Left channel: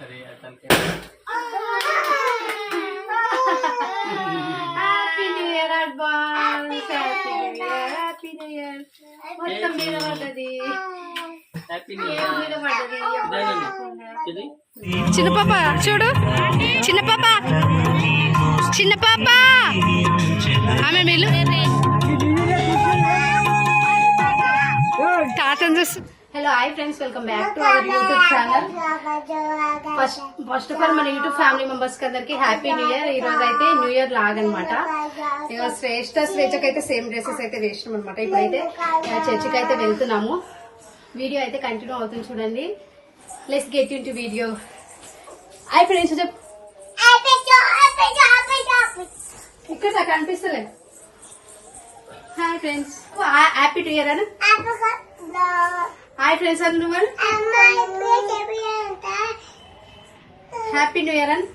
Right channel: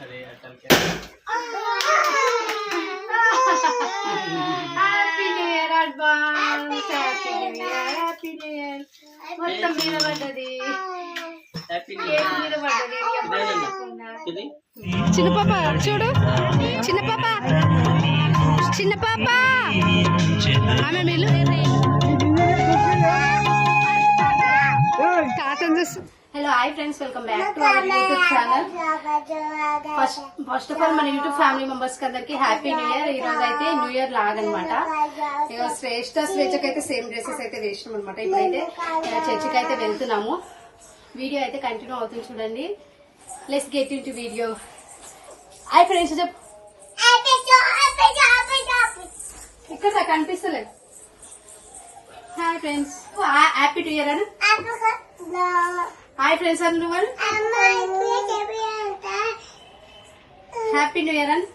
अरे अटल क्या happy new year advance happy new year happy new year మొత్తం మీద పడ్డది हैप्पी न्यू కేక్ మీద ईयर పడ్డది किदी చిన్న పాప చూడు చిన్న పాప చిన్న పాప ఆమె మేలు తాతను చూసి hello hi friends welcome back to our YouTube channel first first of all మన యూట్యూబ్ ఫ్యామిలీ మెంబర్స్కి అందరికి హ్యాపీ న్యూ ఇయర్ ఈ రోజు అయితే న్యూ ఇయర్ లాగనమాట ఇక శ్రేష్ఠ శ్రేష్ఠకి అయితే సేమ్ డ్రెస్సెస్ అయితే వేసినాం అనమాట ఇప్పుడైతే చర్చికి అయితే వెళ్తున్నాము. వీడియో అయితే కంటిన్యూ అవుతుంది చూడండి. Let's get into video hi friends ఇక్కడ కనిపిస్తలేదు hi friends happy new year అని. Hi friends and happy new year and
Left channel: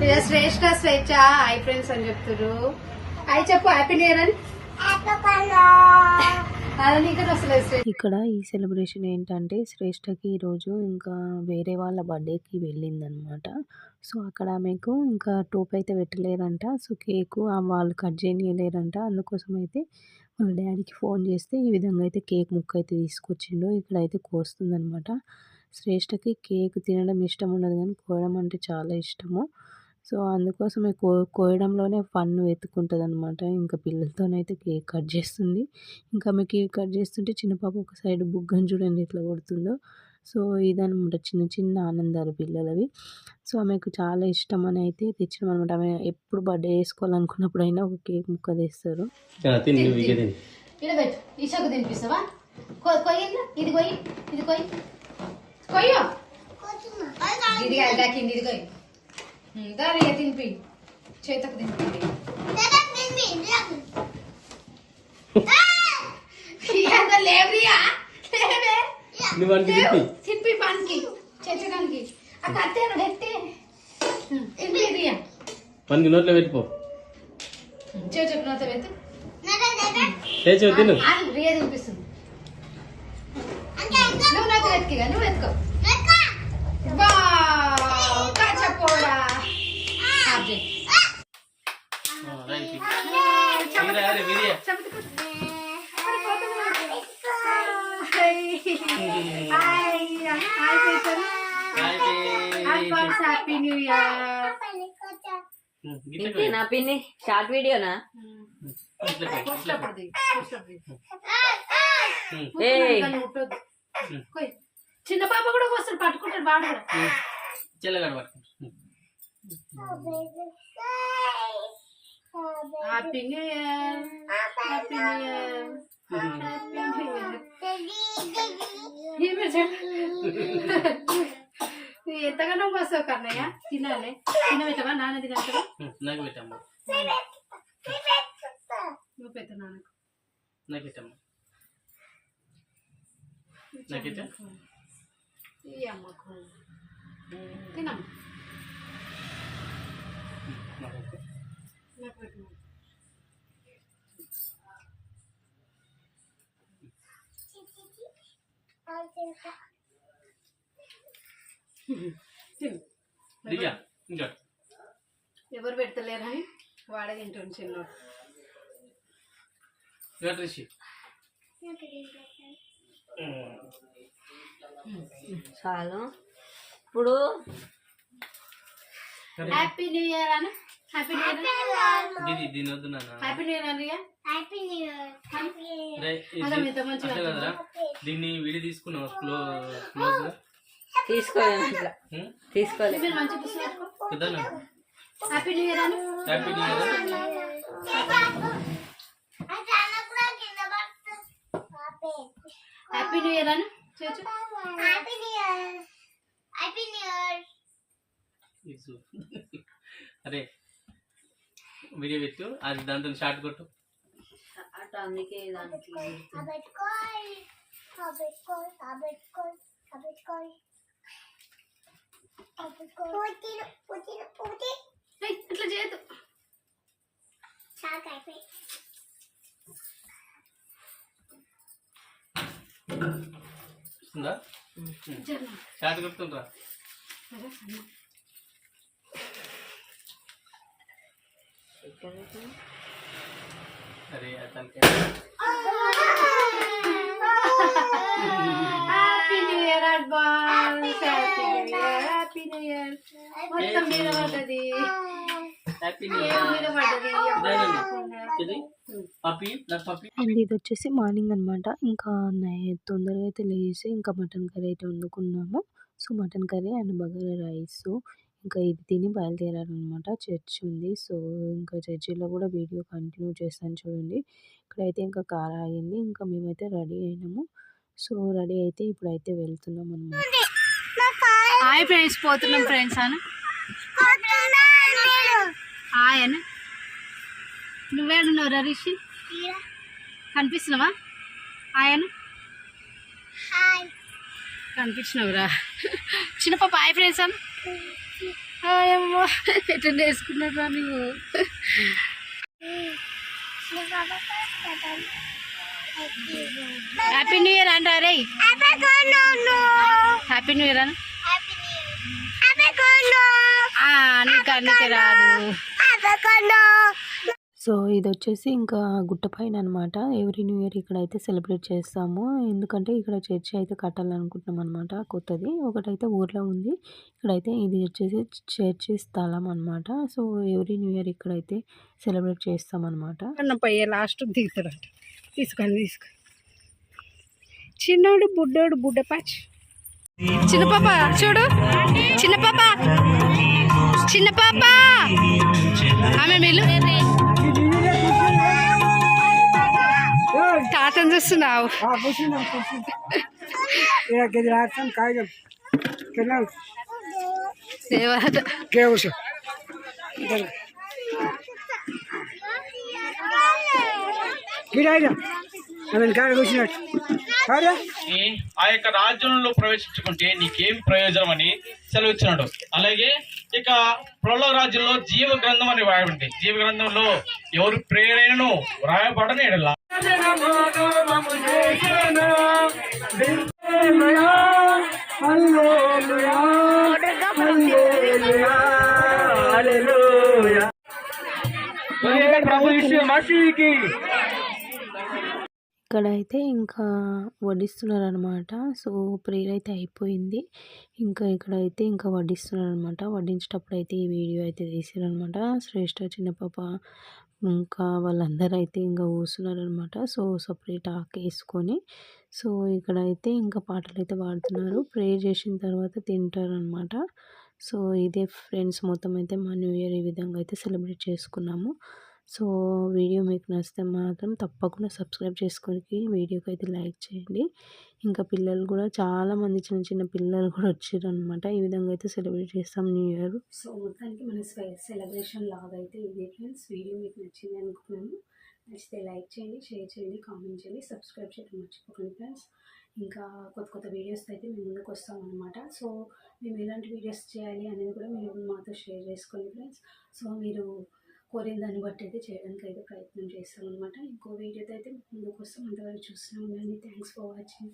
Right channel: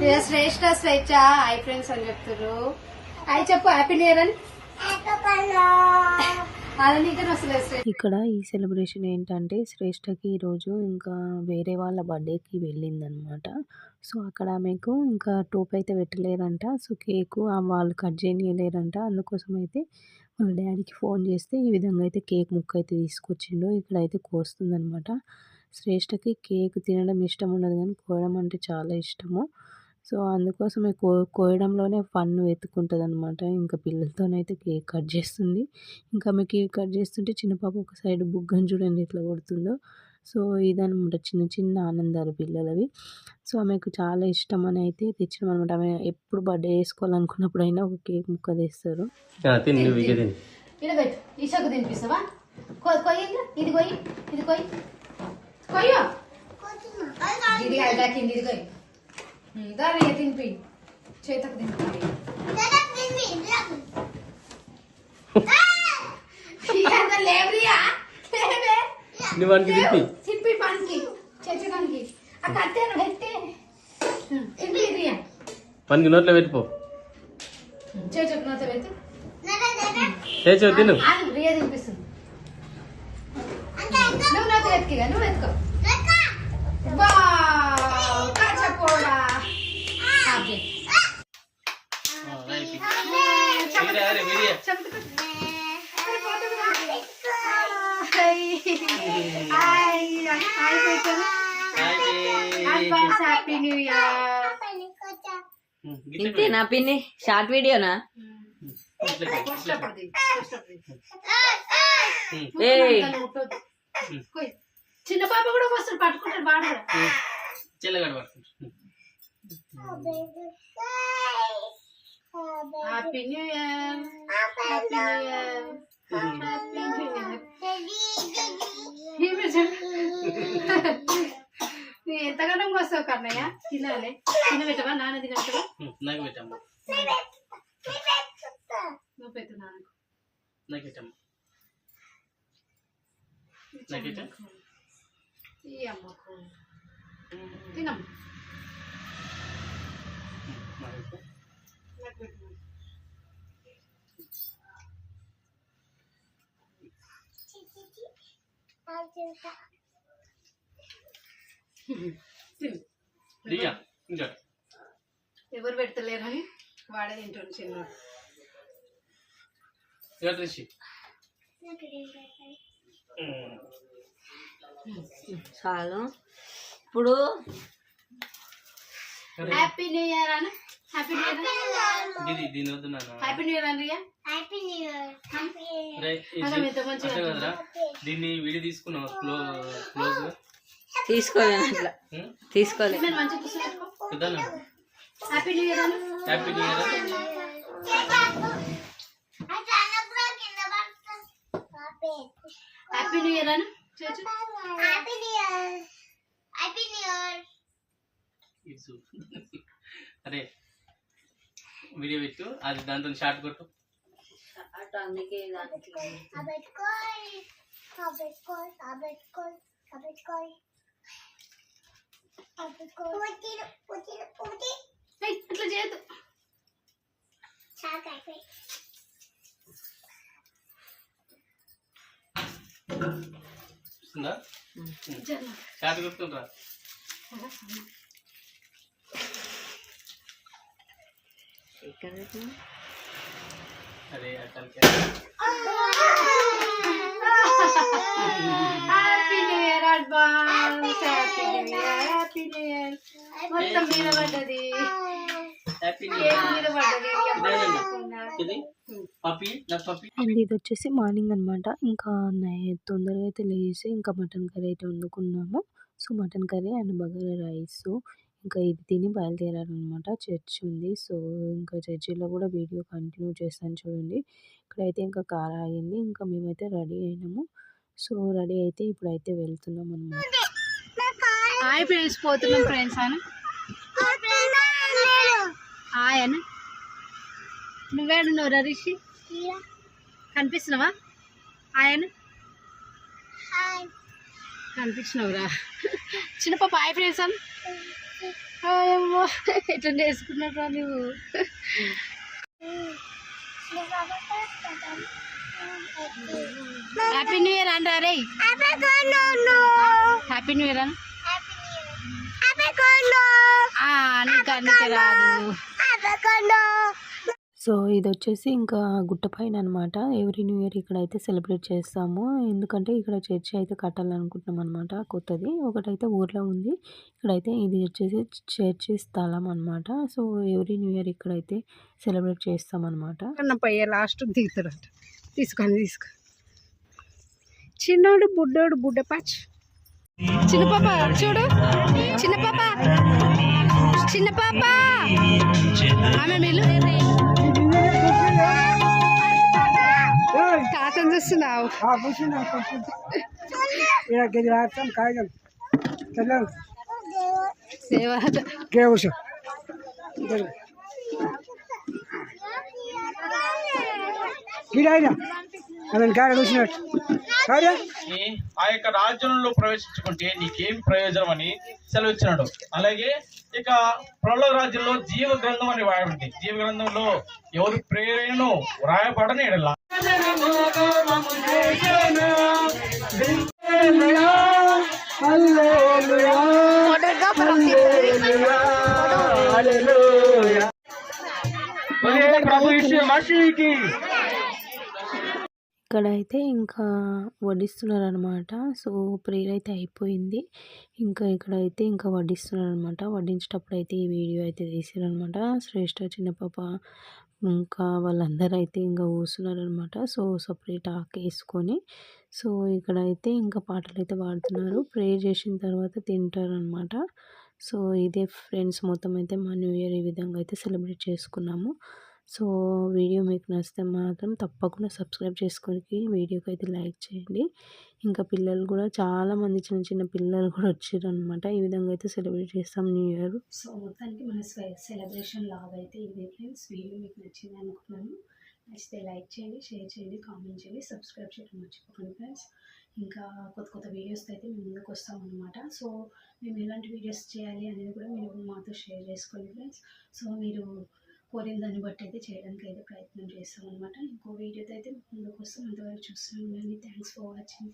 Shreshta Shreshtha Swechha. Hi friends అని చెప్తారు హాయ్ చెప్పు హ్యాపీ న్యూ ఇయర్ అండ్ ఇక్కడ ఈ సెలబ్రేషన్ ఏంటంటే శ్రేష్టకి ఈరోజు ఇంకా వేరే వాళ్ళ బర్త్డేకి వెళ్ళిందనమాట. సో అక్కడ ఆమెకు ఇంకా టోప్ అయితే పెట్టలేరంట సో కేకు వాళ్ళు కట్ చేయలేరంట అందుకోసం అయితే వాళ్ళ డాడీకి ఫోన్ చేస్తే ఈ విధంగా అయితే కేక్ ముక్క అయితే తీసుకొచ్చిండు. ఇక్కడైతే కోస్తుందనమాట. శ్రేష్టకి కేక్ తినడం ఇష్టం ఉండదు కానీ కోయడం అంటే చాలా ఇష్టము. సో అందుకోసం కో కోయడంలోనే ఫన్ వెతుక్కుంటుంది అనమాట ఇంకా పిల్లలతోనైతే కేక్ కట్ చేస్తుంది. ఇంకా ఆమె కేక్ కట్ చేస్తుంటే చిన్న పాప ఒక సైడ్ బుగ్గని చూడండి ఎట్లా కొడుతుందో. సో ఇదనమాట చిన్న చిన్న ఆనందాలు పిల్లలవి. సో ఆమెకు చాలా ఇష్టం అని అయితే తెచ్చినాం అనమాట ఆమె ఎప్పుడు బర్త్డే చేసుకోవాలనుకున్నప్పుడు అయినా ఒక కేక్ ముక్క తీస్తారు. దాని తినిపి? చేతకు తినిపి. లేవరియా? లేవే. నివానికి తిప్పి తినిపి. పనికి ఆ కట్టెను పెట్టి. తినిపి రియా పనికి నోట్లో పెట్టిపో పెట్టి. తిను. ఆగు, రియా తినిపిస్తుంది. నువ్వు నాకు వెతికిగా నువ్వు వెతుకో అరే హ్యాపీ న్యూ ఇయర్ ఇంతేనా పిన్ని? షార్ట్ వీడియోనా. చిన్న పాప కూడా వస్తాడు పట్టుకుంటాడు వాడు కూడా. చెల్లగాడు పట్టుకుంటా happy new year happy new year happy new year నువ్వు ఎంతగానో వస్తావు కన్నయ్య? తినాలి. తినబెట్టవా? నాన్న తినబెట్టవా? నాకు పెట్టమ్మా. నువ్వు పెట్టు నాన్నకు. నాకు పెట్టమ్మా. నాకు పెట్టా. ఈ అమ్మకు. తినమ్మ. ఎవరు పెడతలేరని వాడే తింటుండు చిన్న ఇక రిషి చాలు. ఇప్పుడు హ్యాపీ న్యూ ఇయర్ అని. హ్యాపీ న్యూ ఇయర్ ఇది దీని వద్దు నాన్న. హ్యాపీ న్యూ ఇయర్ అని రే, ఇది అలా ఎంత మంచిగా అట్లా కదరా? దీన్ని విడి తీసుకున్నావు? క్లో క్లోజ్? ఉం? తీసుకోలేదు. మీరు మంచిగా కూర్చోబెట్టుకో పెద్దనా హ్యాపీ న్యూ ఇయర్ అని happy new year happy new year. అరే వీడియో పెట్టు. అది దాంతో షార్ట్ కొట్టు. అందుకే ఇట్లా చేయొద్దు. వస్తుందా షార్ట్ గుర్తుండ్రా ఎక్కడ అరే అతనికి happy new year advance happy new year happy new year మొత్తం మీద పడ్డది. అండ్ ఇది వచ్చేసి మార్నింగ్ అనమాట ఇంకా నై- తొందరగా అయితే లేచి ఇంకా మటన్ కర్రీ అయితే వండుకున్నాము. So mutton curry and bagara rice. ఇంకా ఇది తిని బయలుదేరారనమాట. చర్చ్ ఉంది. సో ఇంకా చర్చిలో కూడా వీడియో కంటిన్యూ చేస్తాను చూడండి. ఇక్కడైతే ఇంకా కార్ ఆగింది. ఇంకా మేమైతే రెడీ అయినాము. సో రెడీ అయితే ఇప్పుడైతే వెళ్తున్నాం అనమాట హాయ్ ఫ్రెండ్స్ పోతున్నాం ఫ్రెండ్స్ అని హాయ్ అని నువ్వేడున్నావు రిషి? కనిపిస్తున్నావా? హాయ్ అని కనిపించినవురా చిన్న పాప హాయ్ ఫ్రెండ్స్ అని అమ్మా. ఎట్లా వేసుకున్నారా నువ్వు? హ్యాపీ న్యూ ఇయర్ అంటారా రే. హ్యాపీ న్యూ ఇయర్ అని నీకు అన్నికే రాదు. సో ఇది వచ్చేసి ఇంకా గుట్ట పైన అనమాట ఎవ్రీ న్యూ ఇయర్ ఇక్కడైతే సెలబ్రేట్ చేస్తాము. ఎందుకంటే ఇక్కడ చర్చి అయితే కట్టాలనుకుంటున్నాం అనమాట కొత్తది. ఒకటైతే ఊర్లో ఉంది. ఇక్కడైతే ఇది వచ్చేసి చర్చి స్థలం అనమాట సో ఎవ్రీ న్యూ ఇయర్ ఇక్కడైతే సెలబ్రేట్ చేస్తాం అనమాట లాస్ట్ దిగుతాడంట. తీసుకొని తీసుకో చిన్నోడు బుడ్డోడు బుడ్డ చిన్న పాప చూడు. చిన్న పాప. చిన్న పాప. ఆమె మేలు. చూస్తున్నావు దేవత ఆ యొక్క రాజ్యంలో ప్రవేశించుకుంటే నీకేం ప్రయోజనం అని సెలవిచ్చినాడు. అలాగే ఇక ప్రలో రాజ్యంలో జీవ గ్రంథం అని వ్రాయబడింది. జీవ గ్రంథంలో ఎవరు ప్రేరణను వ్రాయబడని ఎడలా ఇక్కడ అయితే ఇక్కడైతే ఇంకా వడ్డిస్తున్నారు అనమాట సో ప్రేయర్ అయితే అయిపోయింది. ఇంకా ఇక్కడైతే ఇంకా వడ్డిస్తున్నారు అనమాట వడ్డించేటప్పుడు అయితే ఈ వీడియో అయితే తీసారనమాట శ్రేష్ఠ చిన్న పాప ఇంకా వాళ్ళందరూ అయితే ఇంకా కూర్చున్నారు అనమాట సో సపరేట్ ఆకేసుకొని వేసుకొని సో ఇక్కడైతే ఇంకా పాటలు అయితే పాడుతున్నారు. ప్రేయర్ చేసిన తర్వాత తింటారు అనమాట సో ఇదే ఫ్రెండ్స్ మొత్తం అయితే మా న్యూ ఇయర్ ఈ విధంగా అయితే సెలబ్రేట్ చేసుకున్నాము. సో వీడియో మీకు నచ్చితే మాత్రం తప్పకుండా సబ్స్క్రైబ్ చేసుకొని వీడియోకి అయితే లైక్ చేయండి. ఇంకా పిల్లలు కూడా చాలామంది చిన్న చిన్న పిల్లలు కూడా వచ్చారు అనమాట ఈ విధంగా అయితే సెలబ్రేట్ చేస్తాం న్యూ ఇయర్. సో మొత్తానికి మన సెలబ్రేషన్ లాగా అయితే ఇదే ఫ్రెండ్స్. వీడియో మీకు నచ్చింది అనుకున్నాను. నచ్చితే లైక్ చేయండి షేర్ చేయండి కామెంట్ చేయండి సబ్స్క్రైబ్ చేయడం మర్చిపోకండి ఫ్రెండ్స్. ఇంకా కొత్త కొత్త వీడియోస్ అయితే మేము ముందుకు వస్తాం అనమాట సో మేము ఎలాంటి వీడియోస్ చేయాలి అనేది కూడా మీరు మాతో షేర్ చేసుకోండి ఫ్రెండ్స్. సో మీరు కోరిన దాన్ని బట్టి అయితే చేయడానికి అయితే ప్రయత్నం చేస్తాం అనమాట ఇంకో వీడియోతో అయితే ముందుకు వస్తాం అంతవరకు చూస్తూనే ఉండండి. Thanks for watching